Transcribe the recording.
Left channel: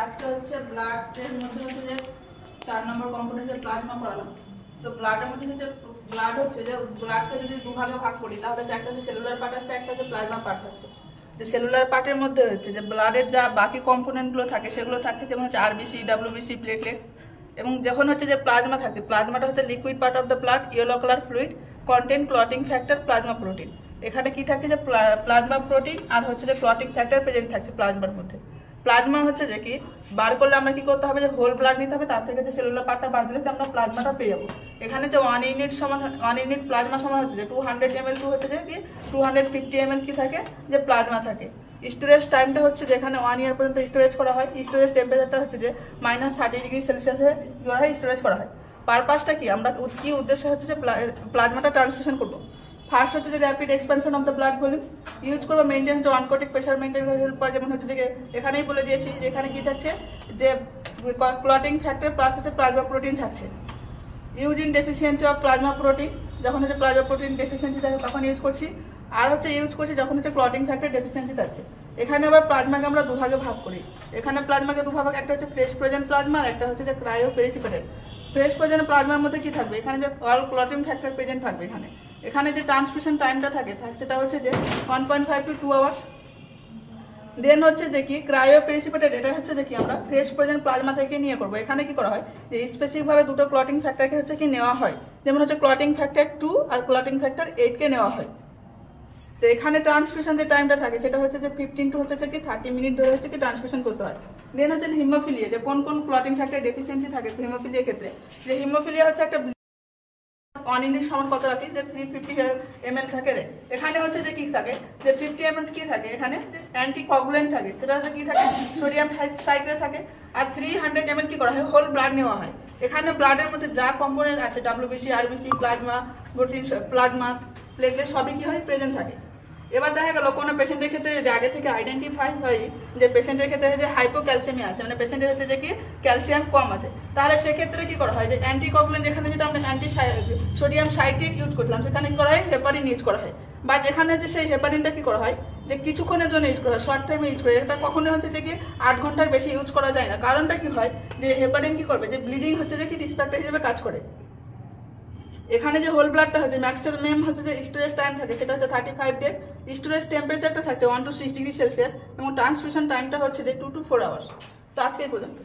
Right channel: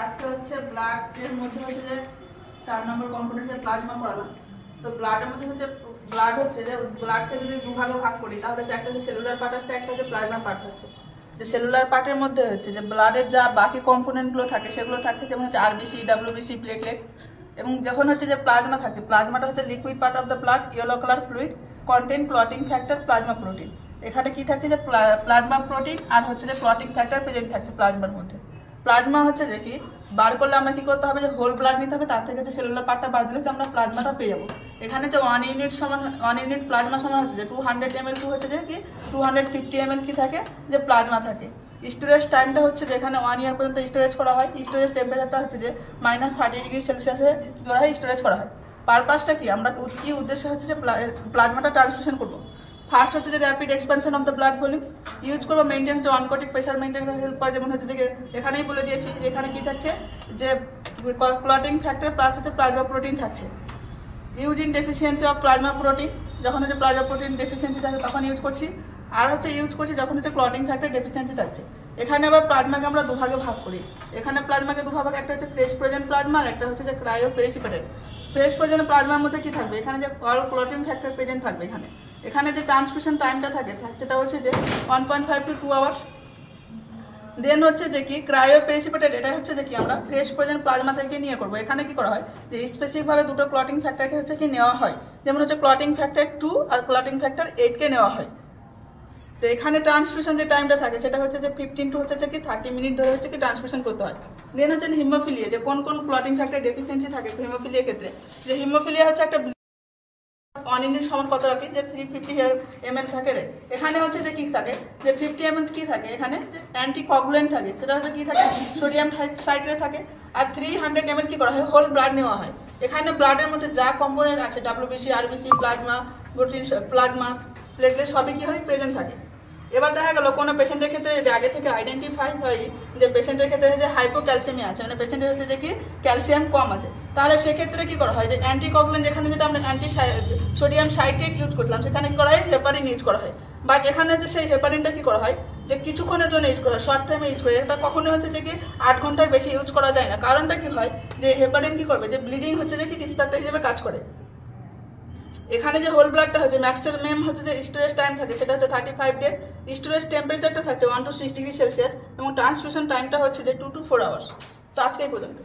আজকে হচ্ছে ব্লাডের মধ্যে হচ্ছে যে 4 নম্বর কম্পোনেন্টের প্লাজমা পড়ালাম। তো ব্লাডের মধ্যে হচ্ছে ব্লাড হচ্ছে যে ব্লাডকে যদি দুভাগে ভাগ করি তাহলে হচ্ছে একটা হচ্ছে সেলুলার পার্ট আছে, একটা হচ্ছে প্লাজমা পার্ট আছে। যে সেলুলার পার্টের মধ্যে হচ্ছে যে ব্লাডের যা বাকি কম্পোনেন্টগুলো থাকে সেগুলো থাকে, যেমন হচ্ছে আরবিসি, ডাব্লিউবিসি, প্লেটলেট। এবং যখন হচ্ছে যে প্লাজমা থাকে, প্লাজমাটা হচ্ছে liquid part of the blood, yellow colour fluid, content clotting factor, plasma protein. এখানে কি থাকছে যে প্লাজমা প্রোটিন আর হচ্ছে যে ক্লটিং ফ্যাক্টর প্রেজেন্ট থাকছে প্লাজমার মধ্যে। প্লাজমা হচ্ছে যে কি বার করলে আমরা কি করতে হবে, যে হোল ব্লাড নিতে হবে, তার থেকে যে সেলুলার পার্টটা বার দিলে যে আমরা প্লাজমাটা পেয়ে যাবো। এখানে যে 1 ইউনিট প্লাজমা সমান হচ্ছে যে 200 ml টু হচ্ছে যে কি 250 ml কি থাকে যে প্লাজমা থাকে। স্টোরেজ টাইমটা হচ্ছে যেখানে 1 ইয়ার পর্যন্ত স্টোরেজ করা হয়। স্টোরেজ টেম্পারেচারটা হচ্ছে যে -30°C করা হয়, স্টোরেজ করা হয়। পারপাসটা কি, আমরা কি উদ্দেশ্য হচ্ছে যে প্লাজমাটা ট্রান্সফিউশন করবো। ফার্স্ট হচ্ছে যে rapid expansion of the blood volume use করবো, মেনটেন হচ্ছে অনকোটিক প্রেশার মেনটেন করে। যেমন হচ্ছে যে এখানেই বলে দিয়েছি যে এখানে কি থাকছে যে ক্লটিং ফ্যাক্টর প্লাস হচ্ছে প্লাজমা প্রোটিন থাকছে। Use in deficiency of plasma protein, যখন হচ্ছে প্লাজমা প্রোটিন ডেফিসিয়েন্সি থাকে তখন ইউজ করছি। আর হচ্ছে ইউজ করছি যখন হচ্ছে ক্লটিং ফ্যাক্টর ডেফিসিয়েন্সি থাকছে। এখানে আবার প্লাজমাকে আমরা দুভাগে ভাগ করি। এখানে প্লাজমাকে দুভাগে, একটা হচ্ছে ফ্রেশ ফ্রোজেন প্লাজমা আর একটা হচ্ছে যে ক্রায়ো পেরিসিপিটেট। ফ্রেশ ফ্রোজেন প্লাজমার মধ্যে কি থাকবে, এখানে যে অল ক্লটিং ফ্যাক্টর প্রেজেন্ট থাকবে। এখানে যে ট্রান্সমিশন টাইমটা থাকে সেটা হচ্ছে যে 1.5 to 2 আওয়ার্স। দেন হচ্ছে যে কি ক্রায়ো পেরিসিপিটেট, এটা হচ্ছে যে কি আমরা ফ্রেশ ফ্রোজেন প্লাজমা থেকে নিয়ে করবো। এখানে কি করা হয় যে স্পেসিফিকভাবে দুটো ক্লটিং ফ্যাক্টরকে হচ্ছে কি নেওয়া হয়, যেমন হচ্ছে ক্লটিং ফ্যাক্টর 2 আর ক্লটিং ফ্যাক্টর 8 কে নেওয়া হয়। তো এখানে ট্রান্সমিশন যে টাইমটা থাকে সেটা হচ্ছে যে 15 to হচ্ছে কি 30 মিনিট ধরে হচ্ছে কি ট্রান্সমিশন করতে হয়। দেন হচ্ছে হিমোফিলিয়া, যে কোন কোন ক্লটিং ফ্যাক্টর ডেফিসিয়েন্সি থাকে হিমোফিলিয়ার ক্ষেত্রে। যে হিমোফিলিয়া হচ্ছে একটা 1 ইউনিট সমান কত রাখি, যে 350 ml থাকে রে। এখানে হচ্ছে যে কি থাকে যে 50 ml কি থাকে, এখানে অ্যান্টিকগুলেন্ট থাকে, সেটা হচ্ছে কি থাকে সোডিয়াম সাইট্রেট থাকে। আর 300 ml কি করা হয়, হোল ব্লাড নেওয়া হয়। এখানে ব্লাডের মধ্যে যা কম্পোনেন্ট আছে WBC, RBC, plasma protein, plasma platelet সবই কি হয় প্রেজেন্ট থাকে। এবার দেখা গেল কোনো পেশেন্টের ক্ষেত্রে যদি আগে থেকে আইডেন্টিফাই হয় যে পেশেন্টের ক্ষেত্রে যে হাইপোক্যালসিয়ামিয়া আছে, মানে পেশেন্টের হচ্ছে যে কি ক্যালসিয়াম কম আছে, তাহলে সেক্ষেত্রে কি করা হয় যে অ্যান্টিকগুলেন্ট, এখানে যেটা আমরা সোডিয়াম সাইট্রেট ইউজ করলাম সেখানে কি করা হয় হেপারিন ইউজ করা হয়। বাট এখানে যে সেই হেপারিনটা কি করা হয় যে কিছুক্ষণের জন্য ইউজ করা হয়, শর্ট টাইমে ইউজ করা হয়। এটা কখনো হচ্ছে যে কি 8 ঘন্টার বেশি ইউজ করা যায় না। কারণটা কি হয় যে হেপারিন কি করবে, যে ব্লিডিং হচ্ছে যে কি ডিসপ্যাক্টর হিসেবে কাজ করে। এখানে যে হোল ব্লাডটা হচ্ছে ম্যাক্সিমাম হচ্ছে যে স্টোরেজ টাইম থাকে সেটা হচ্ছে 35 ডেজ। স্টোরেজ টেম্পারেচারটা থাকছে 1 to 6°C এবং ট্রান্সমিশন টাইমটা হচ্ছে যে 2 to 4 আওয়ার্স। তো আজকে এই পর্যন্ত।